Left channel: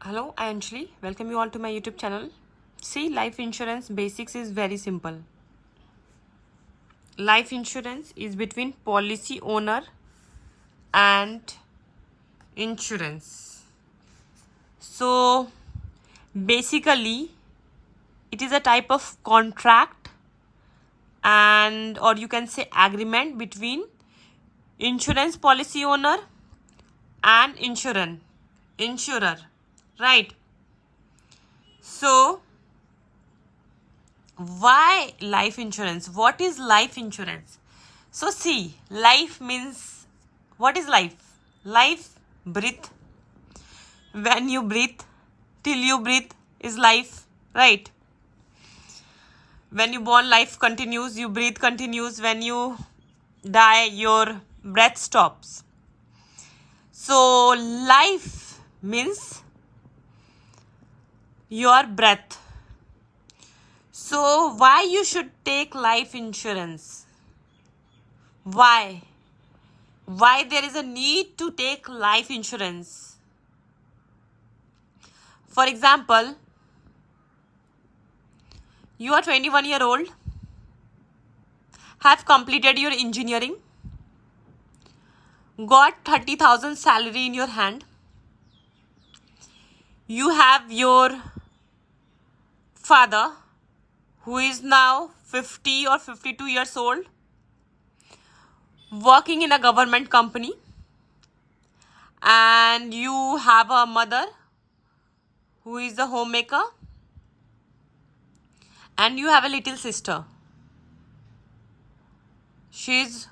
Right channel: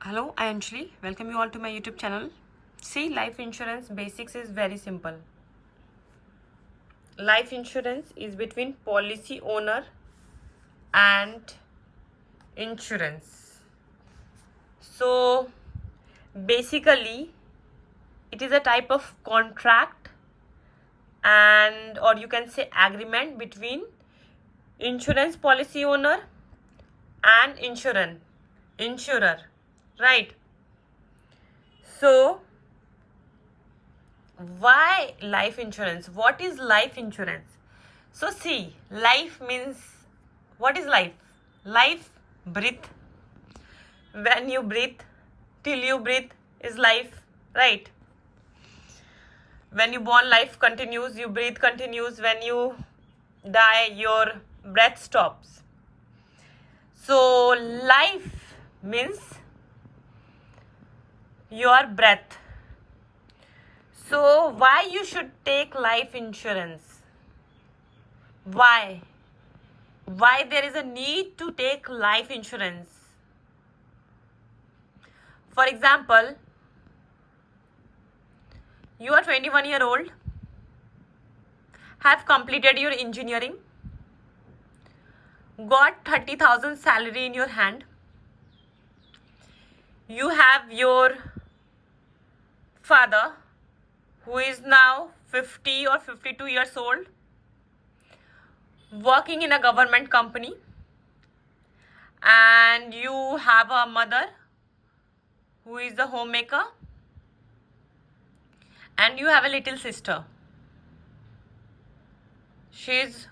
Hello, I am Anjali. Welcome you all to my YouTube channel. See, life insurance basics is very simple. Life insurance is between policy owner and insurance. So, basically, it is a type of contract and or you can say agreement between insurance policy owner and insurer, right? So, why life insurance? What is life insurance? So see, life means, what is life? Life, breathe. When you breathe, till you breathe is life, right? When you born, life continues, you breathe continues. When you die, your breath stops. So life means your breath. So why you should take life insurance? Why there is a need to take life insurance? For example, you are 21-year-old, have completed your engineering, got 30,000 salary in your hand, you have your father who is now 50 or 52 years old, working in a government company, and you have a mother who is a homemaker, and you have a little sister. She is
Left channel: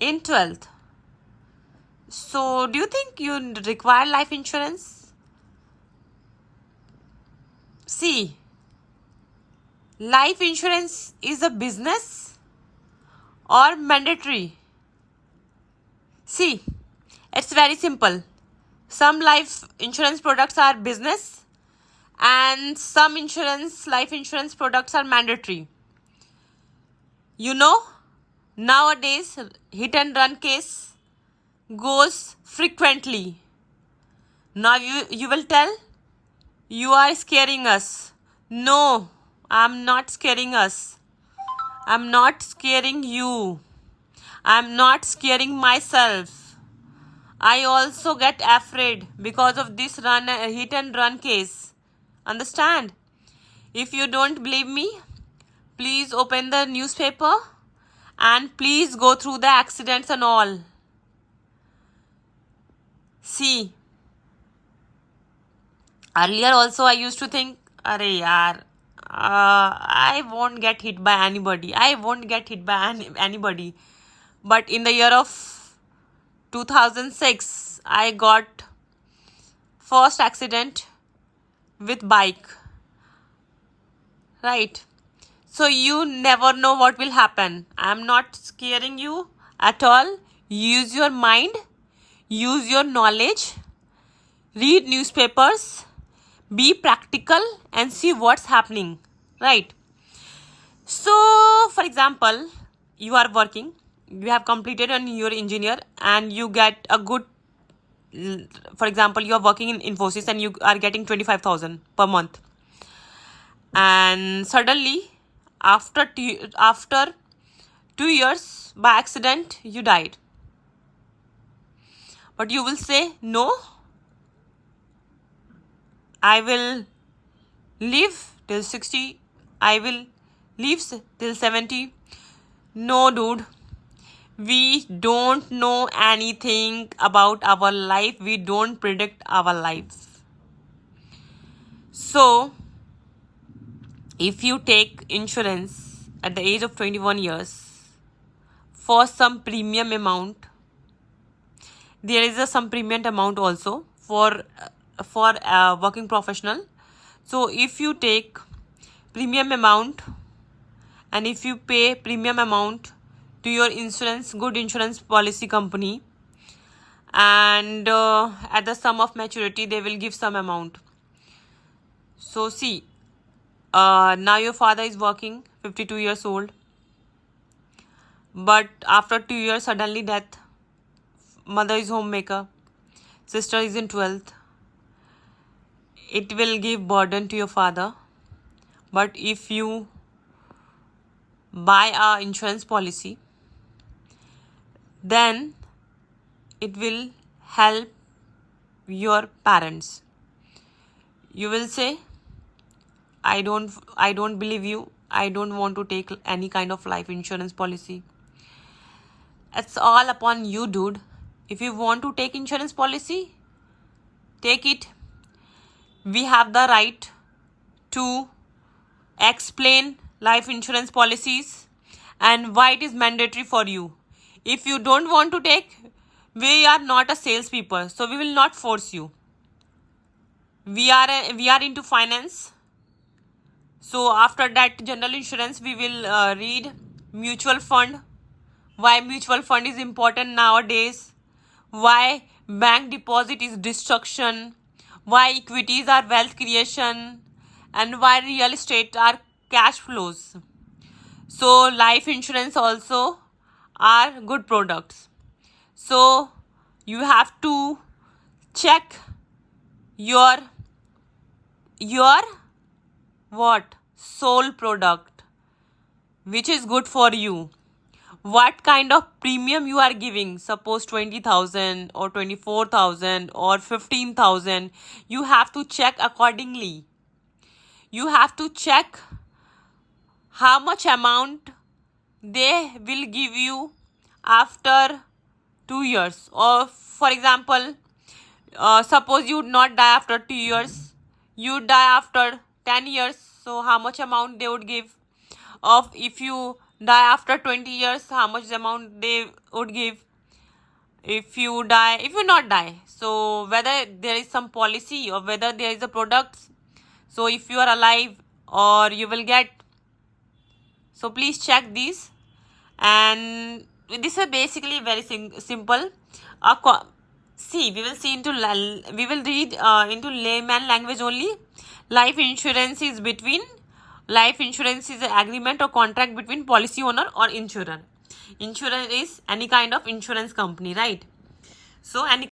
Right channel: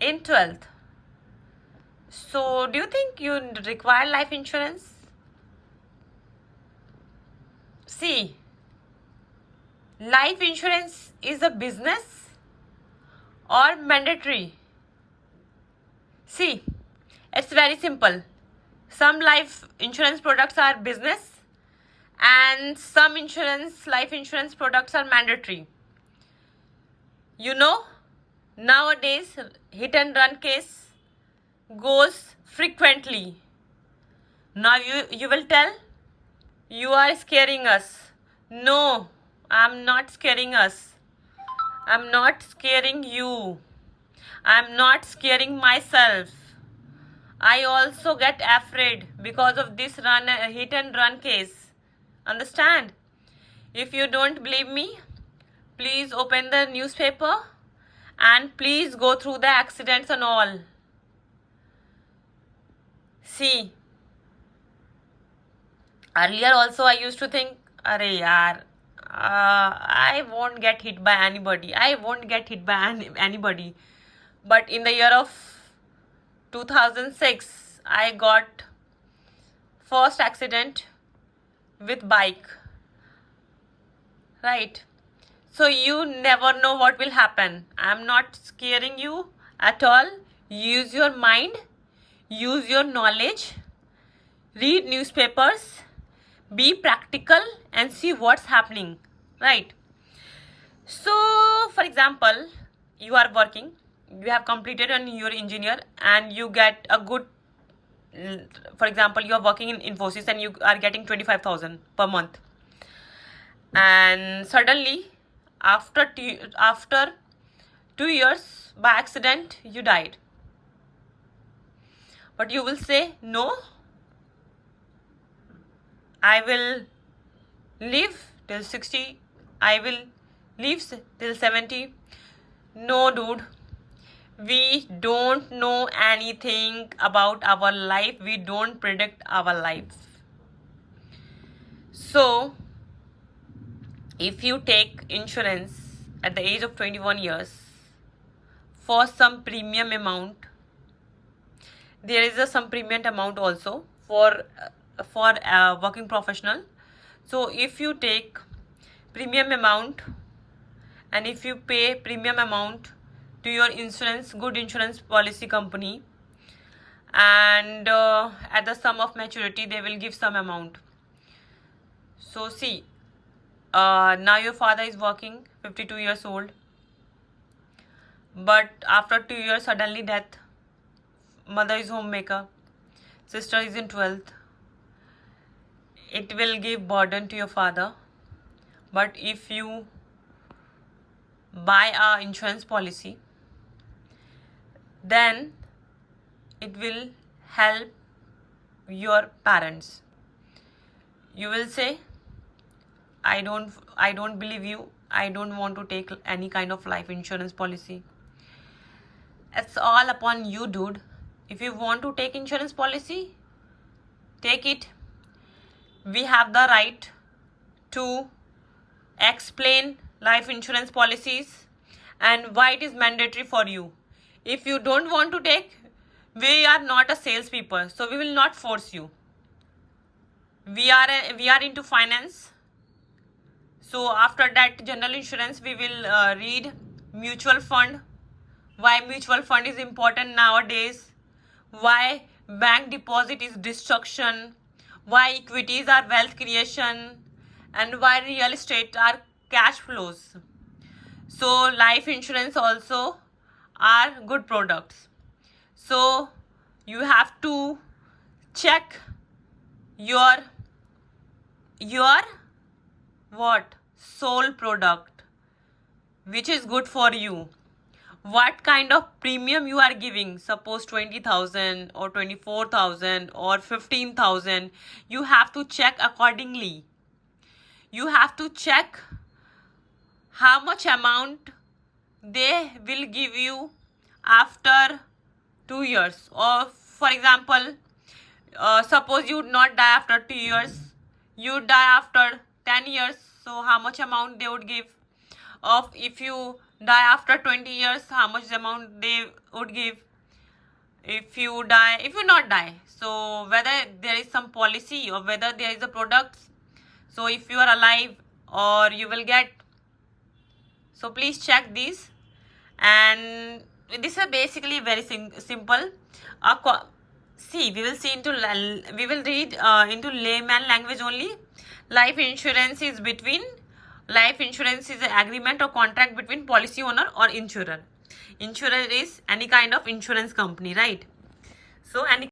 in 12th. So, do you think you require life insurance? See, life insurance is a business or mandatory? See, it's very simple. Some life insurance products are business and some life insurance products are mandatory. You know, nowadays hit and run case goes frequently. Now you will tell you are scaring us. No, I'm not scaring us. I'm not scaring you. I'm not scaring myself. I also get afraid because of this hit and run case. Understand? If you don't believe me, please open the newspaper and please go through the accidents and all. See, earlier also I used to think, arey yaar, I won't get hit by anybody. I won't get hit by anybody. But in the year of 2006, I got first accident with bike, right? So you never know what will happen. I'm not scaring you at all. Use your mind, use your knowledge, read newspapers, be practical and see what's happening, right? So, for example, you are working, you have completed your engineer and you get a good, for example, you are working in Infosys and you are getting 25,000 per month. And suddenly, after 2 years, by accident, you died. But you will say, no, I will live till 60, I will live till 70. No, dude. We don't know anything about our life. We don't predict our lives. So, if you take insurance at the age of 21 years for some premium amount, there is some premium amount also for working professional. So if you take premium amount and if you pay premium amount to your good insurance policy company, and at the sum of maturity they will give some amount. So see, now your father is working, 52 years old, but after 2 years suddenly death. Mother is homemaker, sister is in 12th, it will give burden to your father. But if you buy a insurance policy, then it will help your parents. You will say, I don't believe you. I don't want to take any kind of life insurance policy. It's all upon you, dude. If you want to take insurance policy, take it. We have the right to explain life insurance policies and why it is mandatory for you. If you don't want to take, we are not a salespeople, so we will not force you. We are into finance. So after that general insurance, we will read mutual fund. Why mutual fund is important nowadays. Why bank deposit is destruction. Why equities are wealth creation. And why real estate are cash flows. So life insurance also are good products. So you have to check your what soul product, which is good for you. What kind of premium you are giving, suppose 20,000 or 24,000 or 15,000, you have to check accordingly. You have to check how much amount they will give you after 2 years. Or for example, suppose you not die after 2 years, you die after 10 years, so how much amount they would give? Of if you die after 20 years, how much amount they would give? If you not die, so whether there is some policy or whether there is a product, so if you are alive or you will get. So please check these. And this is basically very simple. We will read into layman language only. Life insurance is an agreement or contract between policy owner or insurer. Insurer is any kind of insurance company, right? So any